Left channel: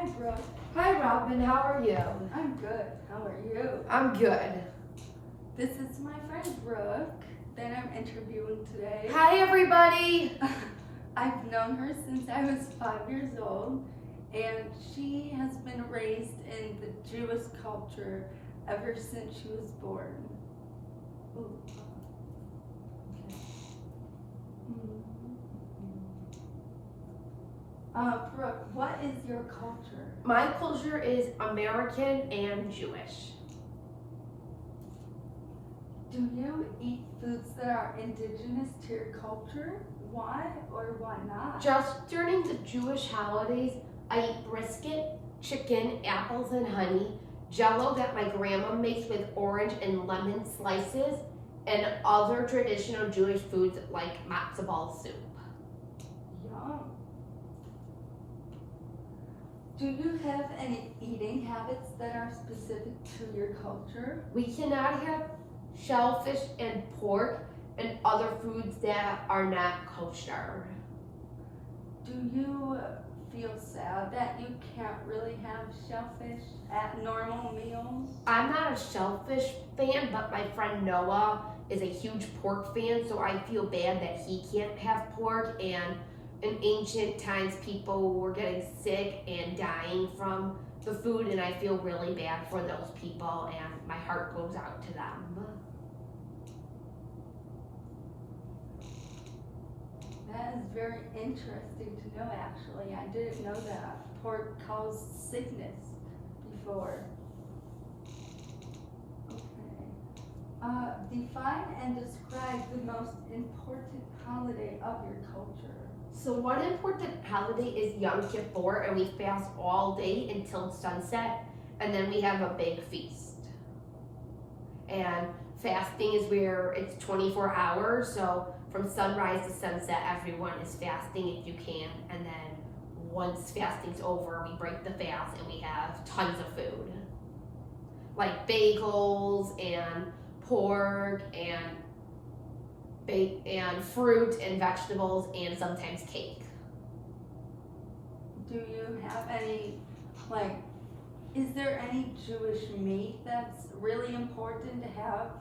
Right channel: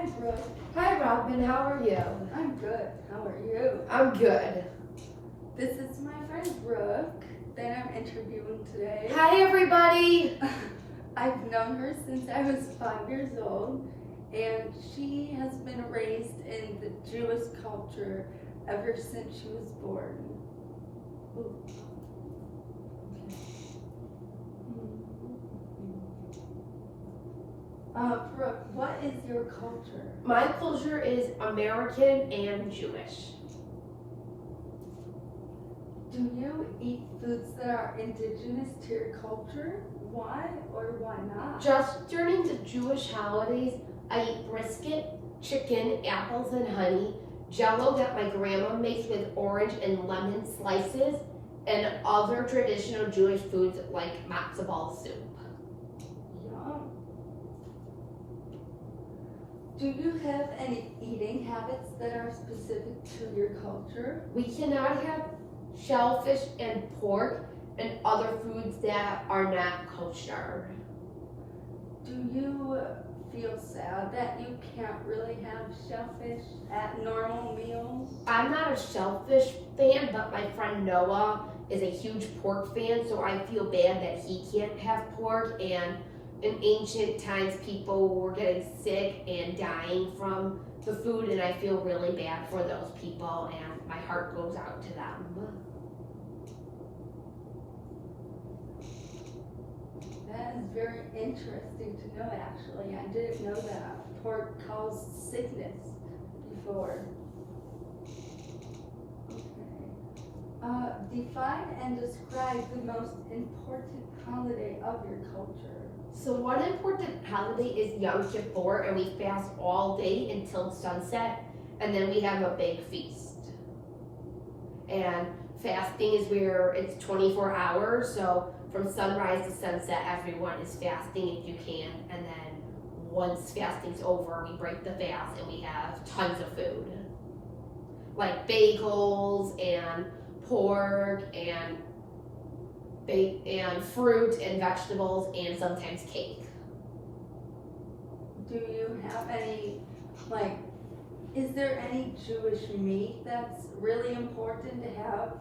Hi, Brooke. Hi Robin, how are you? I'm good. How are you? I'm good. This is my friend Brooke that I'm interviewing today. Hi everybody. I've known her since I was 5 years old, and she has been raised in the Jewish culture ever since she was born. Ooh. Brooke, what is your culture? My culture is American and Jewish. Do you eat foods that are indigenous to your culture? Why or why not? Just during the Jewish holidays, I eat brisket, chicken, apples and honey, jello that my grandma makes with orange and lemon slices, and other traditional Jewish foods like matzo ball soup. Yum. Do you have any eating habits that are specific to your culture? We cannot have shellfish and pork and other foods that are not kosher. Do you feel sad that you can't really have shellfish at normal meals? I'm not a shellfish fan, but my friend Noah is a huge pork fan, so I feel bad that he can't have pork. And in ancient times, people were getting sick and dying from the food, and I feel really bad for those people, and my heart goes out to them. That is very interesting to know, actually. I didn't know that pork caused sickness before. Okay. Define and describe the most important holiday of your culture. So one important holiday is Yom Kippur, and we fast all day until sunset, and then we have a big feast. And fasting is where it's 24 hours, so from sunrise to sunset, everyone is fasting if you can, and then once fasting's over, we break the fast and we have tons of food. Like bagels and pork and fruit and vegetables and sometimes cake. Do you have any, is there any Jewish meat that's really important to have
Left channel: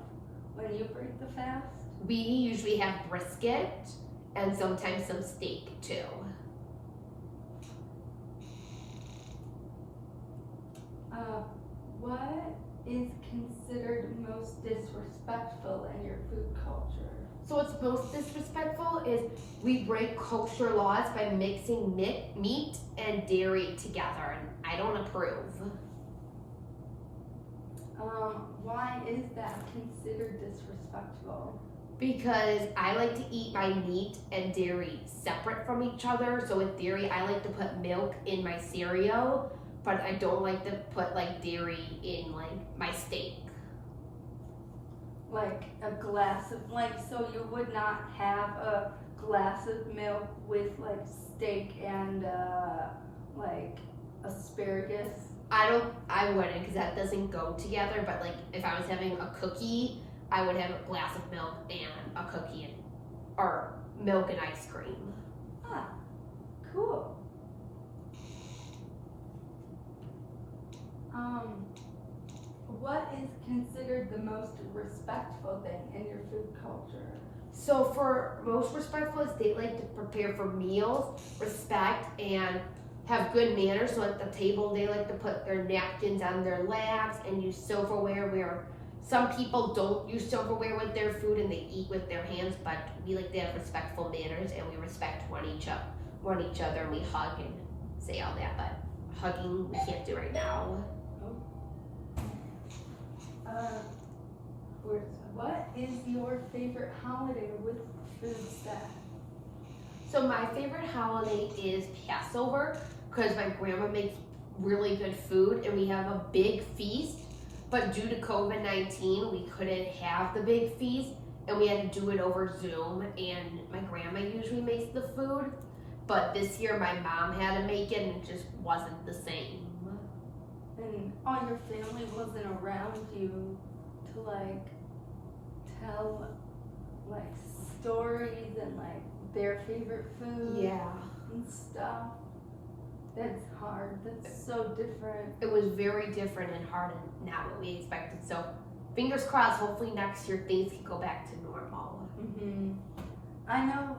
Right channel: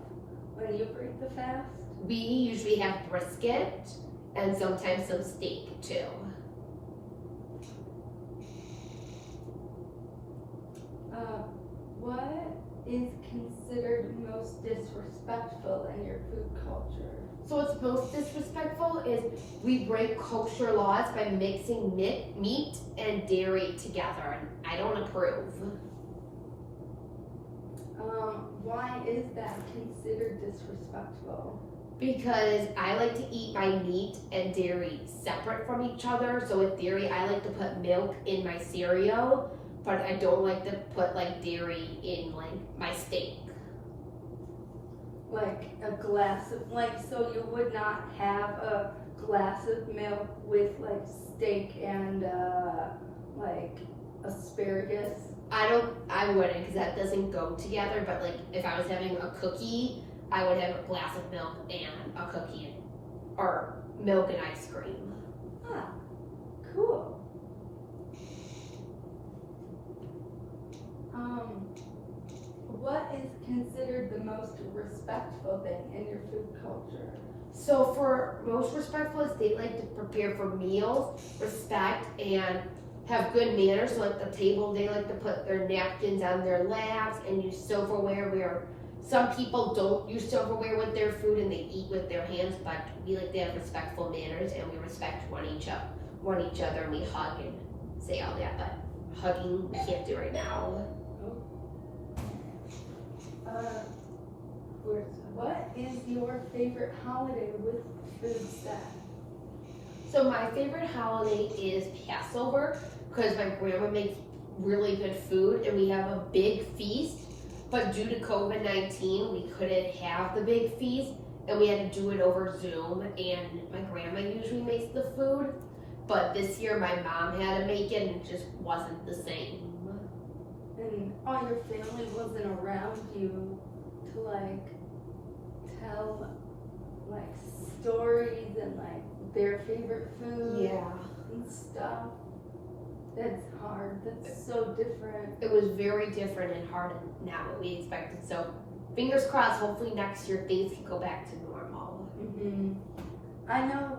when you break the fast? We usually have brisket and sometimes some steak too. What is considered most disrespectful in your food culture? So what's most disrespectful is we break kosher laws by mixing meat and dairy together, and I don't approve. Why is that considered disrespectful? Because I like to eat my meat and dairy separate from each other. So with dairy, I like to put milk in my cereal, but I don't like to put dairy in my steak. Like a glass of, so you would not have a glass of milk with steak and asparagus? I wouldn't, because that doesn't go together, but if I was having a cookie, I would have a glass of milk and a cookie, or milk and ice cream. Ah, cool. What is considered the most respectful thing in your food culture? So for most respectful, is they like to prepare for meals, respect, and have good manners. So at the table, they like to put their napkins on their laps and use silverware, where some people don't use silverware with their food and they eat with their hands, but we like to have respectful manners and we respect one each other, and we hug and say all that, but hugging we can't do right now. What is your favorite holiday with food set? So my favorite holiday is Passover, because my grandma makes really good food and we have a big feast, but due to COVID-19 we couldn't have the big feast and we had to do it over Zoom, and my grandma usually makes the food, but this year my mom had to make it and it just wasn't the same. And all your family wasn't around you to tell stories and their favorite food Yeah. and stuff. That's hard. That's so different. It was very different and hard and not what we expected. So fingers crossed, hopefully next year things can go back to normal. I know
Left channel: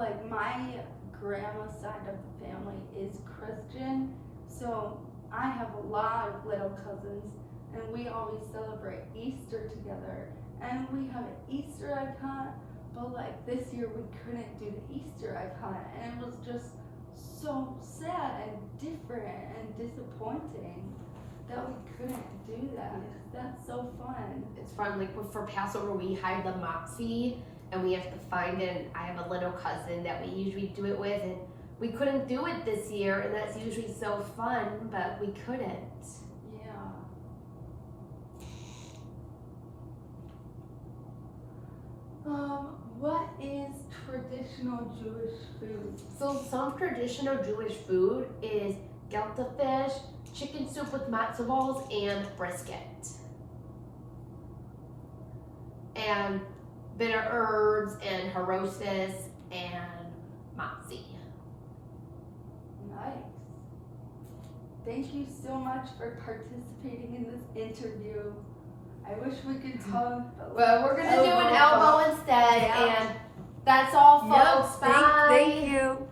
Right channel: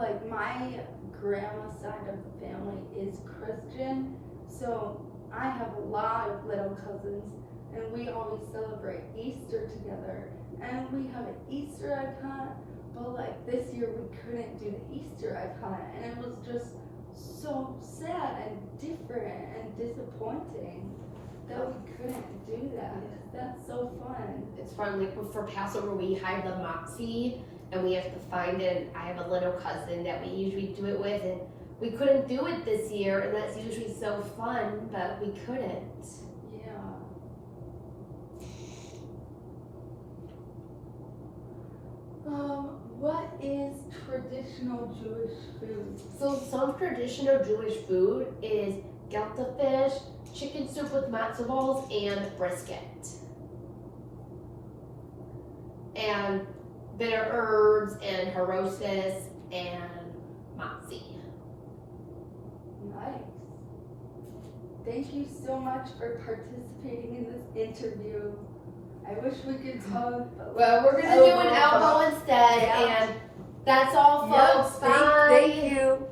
like my grandma's side of the family is Christian, so I have a lot of little cousins, and we always celebrate Easter together, and we have an Easter egg hunt, but like this year we couldn't do the Easter egg hunt, and it was just so sad and different and disappointing that we couldn't do that, because that's so fun. It's fun, like for Passover we hide the matzi and we have to find it. I have a little cousin that we usually do it with, and we couldn't do it this year, and that's usually so fun, but we couldn't. Yeah. What is traditional Jewish food? So some traditional Jewish food is gelte fish, chicken soup with matzo balls, and brisket. And bitter herbs and harosis and matzi. Nice. Thank you so much for participating in this interview. I wish we could talk. Well, we're gonna do an elbow instead, Yeah. and that's all, folks. Yep, Bye. thank you.